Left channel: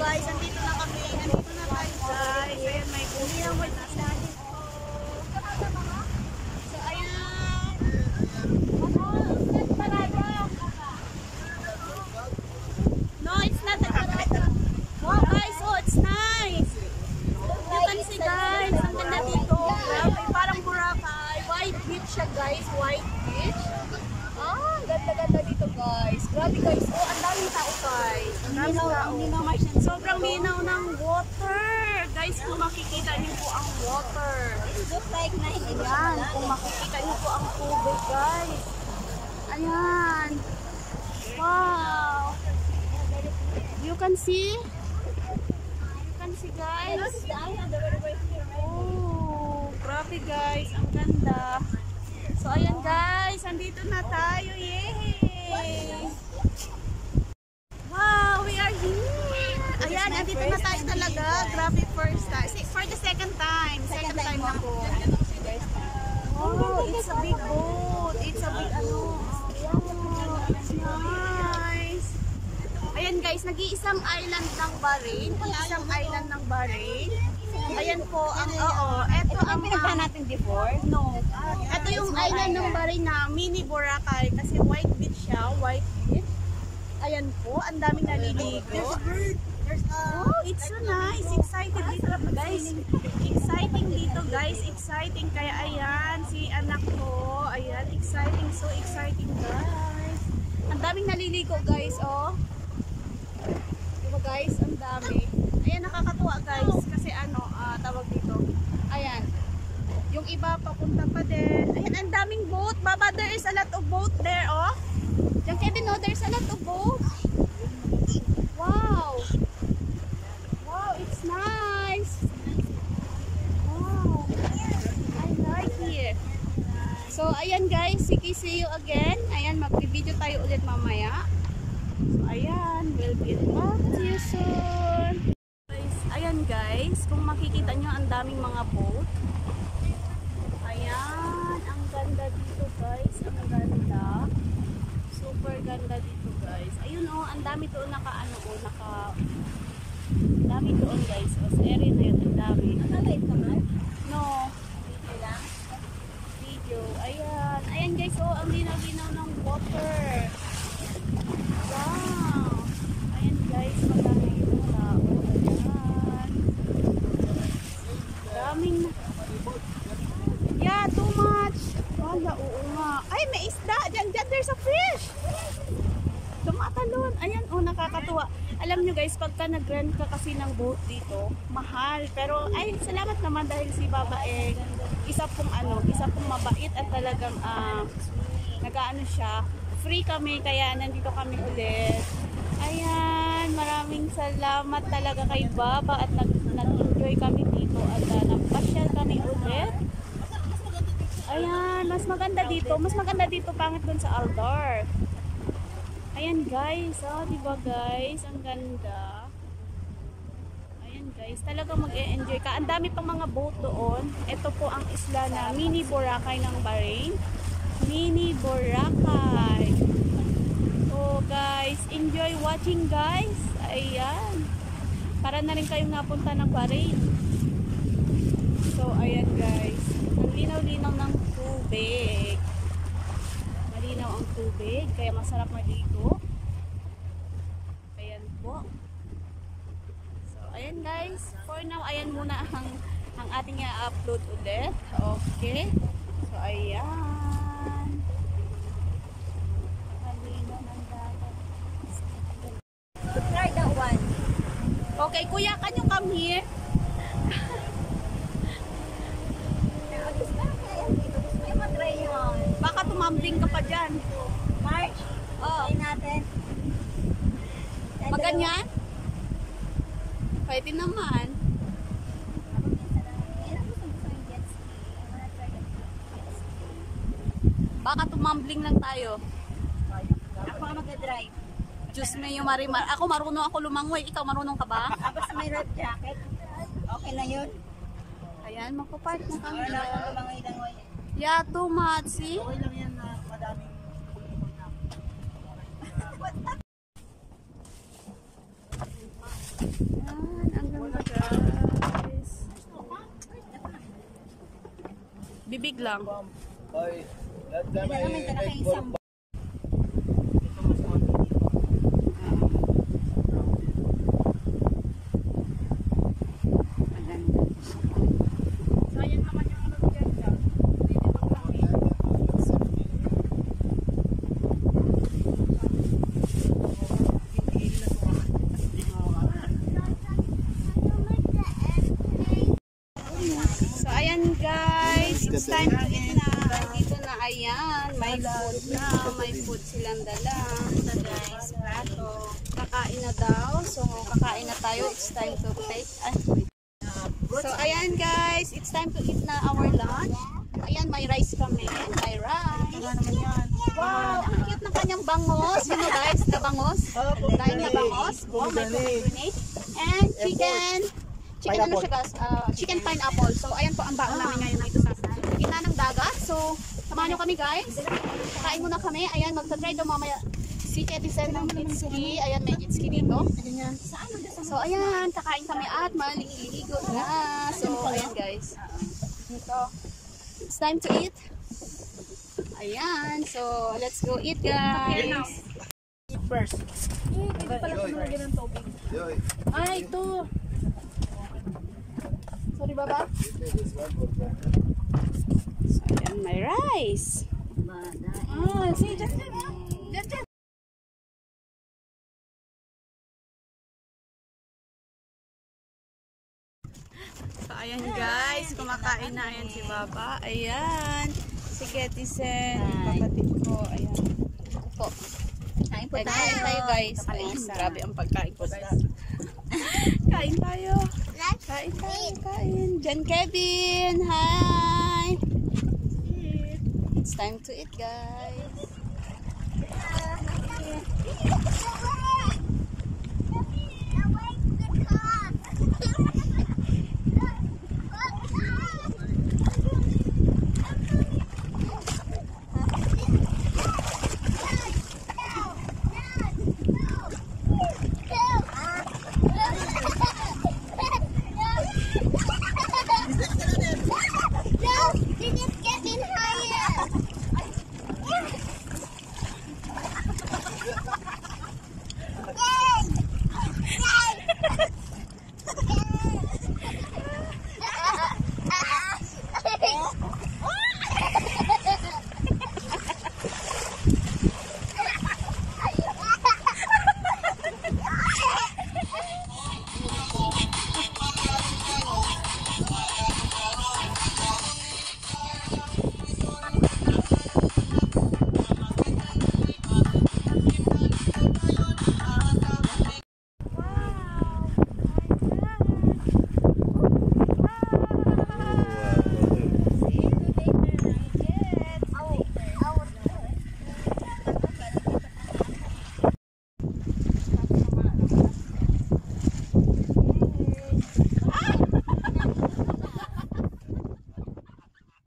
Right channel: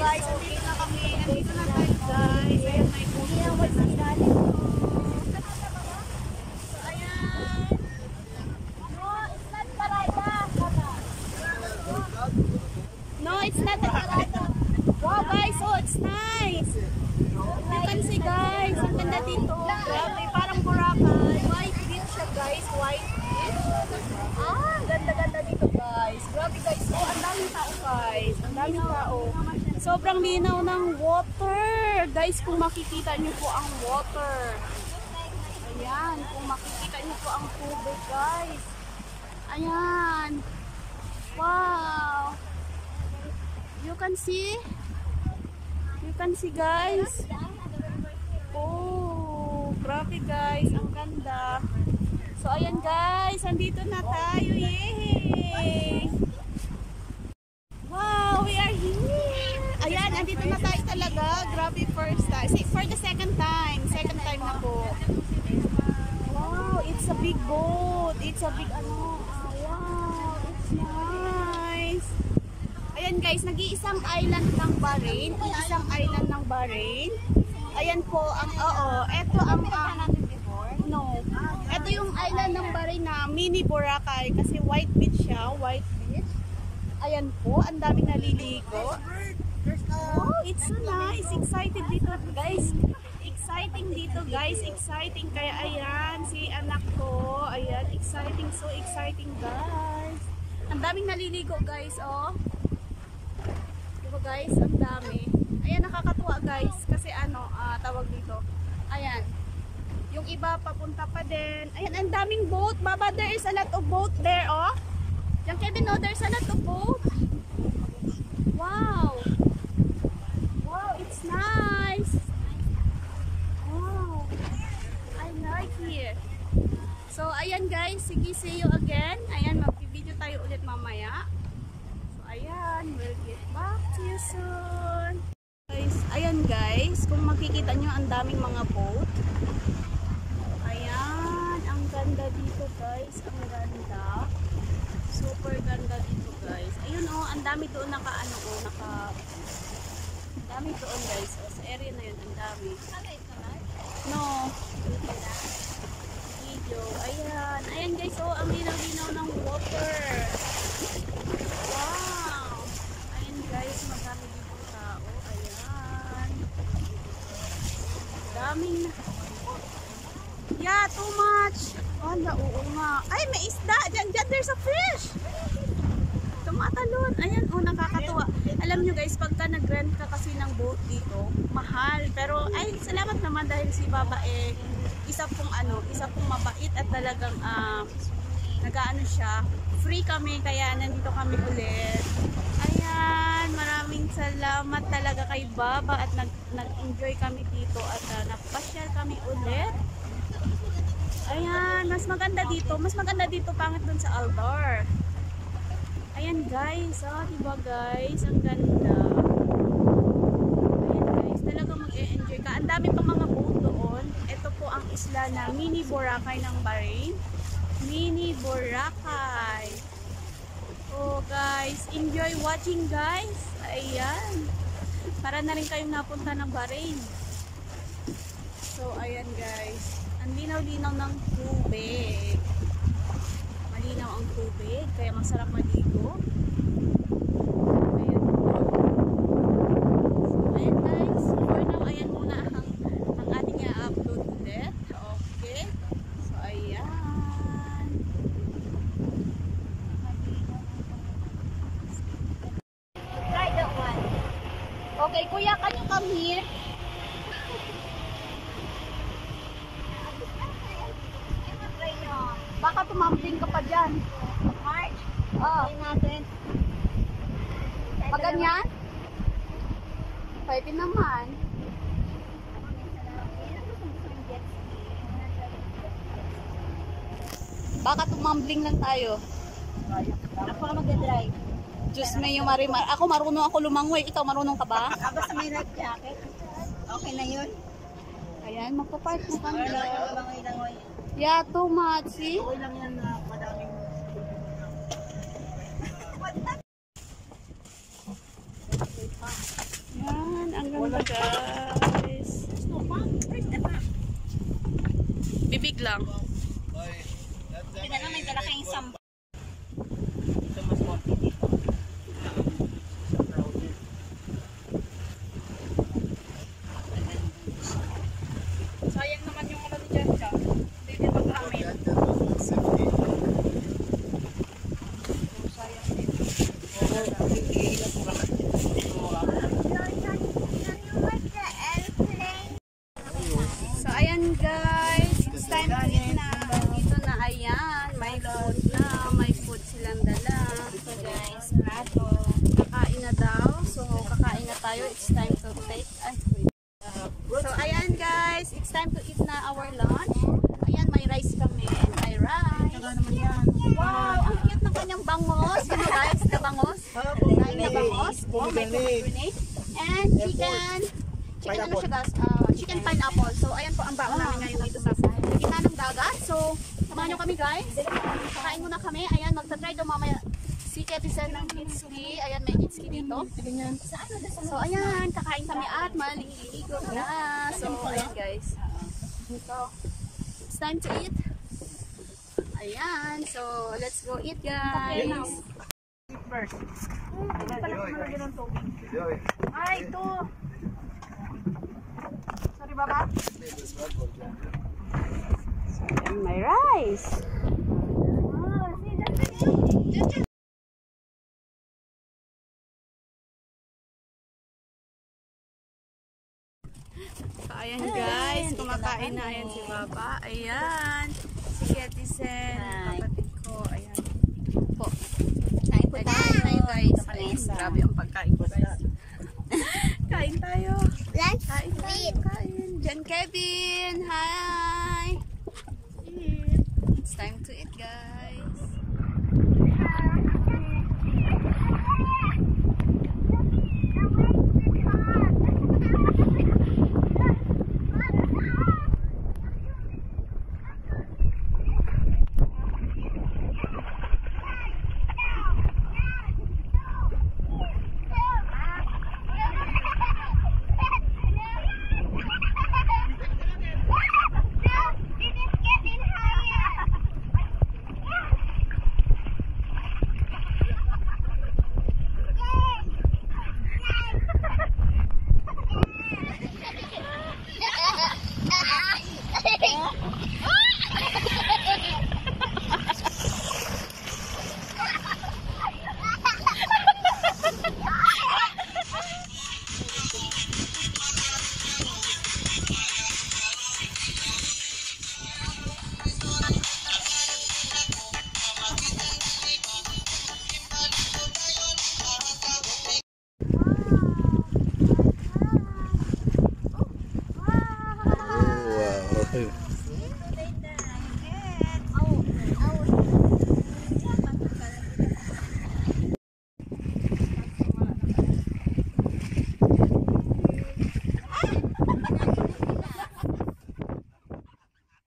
guys, andito na kami. Andito na tayo guys. Ayan, may puso na nasa dito. So, ayan. No, it's not a parada. Wow guys, oh, it's nice. You can see guys, ang ganda dito. Grabe, parang Boracay. White beach siya guys, white beach. Ah, ganda-ganda dito guys. Grabe guys, oh, ang daming tao guys. Ang daming tao. Sobrang linaw ng water. Guys, kung makikita niyo po ang water. Ayan, kung makikita niyo po ang tubig guys. Ayan. Wow. You can see? You can see guys? Oh, grabe guys. Ang ganda. So, ayan guys. Andito na tayo. Yay! Wow, we are here. Ayan, andito na tayo talaga. Grabe first time. For the second time. Second time na po. Wow, it's a big boat. It's a big ano. Wow, it's nice. Ayan guys, nag-iisang island ng Bahrain. Isang island ng Bahrain. Ayan po ang, eto ang natin before. No. Ito yung island ng Bahrain na mini Boracay kasi white beach siya, white beach. Ayan po, ang daming naliligo. Oh, it's so nice. Excited dito, guys. Exciting dito, guys. Exciting. Kaya ayan, si anak ko. Ayan, exciting. So exciting, guys. Ang daming naliligo, guys, oh. Diba, guys? Ang dami. Ayan, nakakatuwa, guys. Kasi ano, tawag dito. Ayan. Yung iba, papunta pa din. Ayan, ang daming boat. Baba, there is a lot of boat there, oh. Diyan, Kevin, no, there's a lot of boat. Wow. Wow, it's nice. Wow. I like it. So, ayan, guys. Sige, see you again. Ayan, mag-video tayo ulit mamaya. So, ayan. We'll get back to you soon. Guys, ayan, guys. Kung makikita nyo, ang daming mga boat. Ayan. Ang ganda dito, guys. Ang ganda. Super ganda dito, guys. Ayun, oh. Ang dami doon naka-ano, oh. Dami doon, guys. Oh, sa area na yun. Ang dami. No. Video. Ayan. Ayan, guys. Oh, ang linaw-linaw ng water. Wow. Ayan, guys. Madami dito tao. Ayan. Daming na. Yeah, too much. Wala, oo nga. Ay, may isda. Diyan, there's a fish. Tumatalon. Ayan, oh, nakakatuwa. Alam nyo guys, pagka nag-rent ka kasi ng boat dito, mahal. Pero, ay, salamat naman dahil si Baba isa pong mabait at talagang, nag-ano siya. Free kami, kaya nandito kami ulit. Ayan, maraming salamat talaga kay Baba at nag-enjoy kami dito at nagpasyal kami ulit. Ayan, mas maganda dito. Mas maganda dito pangit dun sa Aldar. Ayan guys, oh, diba guys? Ang ganda. Ayan guys, talaga mag-e-enjoy ka. Ang dami pang mga boat doon. Ito po ang isla na mini Boracay ng Bahrain. Mini Boracay. Oh guys, enjoy watching guys. Ayan. Para na rin kayong napunta ng Bahrain. So, ayan guys. Ang linaw-linaw ng tubig. Malinaw ang tubig, kaya masarap maligo. Ayan po. So, ayan guys. For now, ayan muna ang ating i-upload ulit. Okay. So, ayan. Malinaw ng dagat. So, try that one. Okay, kuya, can you come here? Baka tumambling ka pa dyan. March, Oh. try natin. Maganyan? Pwede naman. Baka tumambling lang tayo. Ako ka mag-drive. Diyos may yung marimar. Ako marunong ako lumangoy. Ikaw marunong ka ba? Basta may life jacket. Okay na yun. Ayan, magpapark na kami. Wala akong langoy-langoy. Yeah, too much. See? Okay lang yan, madaming tulpungan na. Ang ganda guys. Bibig lang. Hindi na naman kalaki yung isang. Ito mas konti dito. Sayang naman yung ano dyan dyan. Hindi dito kami. So ayan guys, it's time to eat na. Dito na, ayan, may food na, may food silang dala. So guys, plato. Kakain na daw, so kakain na tayo, it's time to take. So ayan guys, it's time to eat na our lunch. Ayan, may rice kami, may rice. Wow, ang cute ng kanyang bangos. You know guys, na bangos? Kain na bangos. Oh, may pomegranate. And chicken. Chicken ano siya guys? Chicken pineapple. So ayan po ang baon namin ngayon dito sa gitna ng dagat. So samahan nyo kami guys. Kakain muna kami. Ayan, magta-try daw mamaya si Kevin ng kitski. Ayan, may kitski dito. So ayan, kakain kami at maliligo na. So ayan guys. So it's time to eat. Ayan, so let's go eat guys. First. Ito pala kung malagyan ng tubig. Ay, ito. Sorry, baba. So, ayan, may rice. See, just. So, ayan guys, kumakain na. Ayan si Baba. Ayan. Si Ketisen, kapatid ko. Ayan. Po. Kain po Kain tayo guys. Ayan. Grabe ang pagkain ko guys. Kain tayo. Kain tayo. Kain. Jan Kevin. Hi. It's time to eat guys.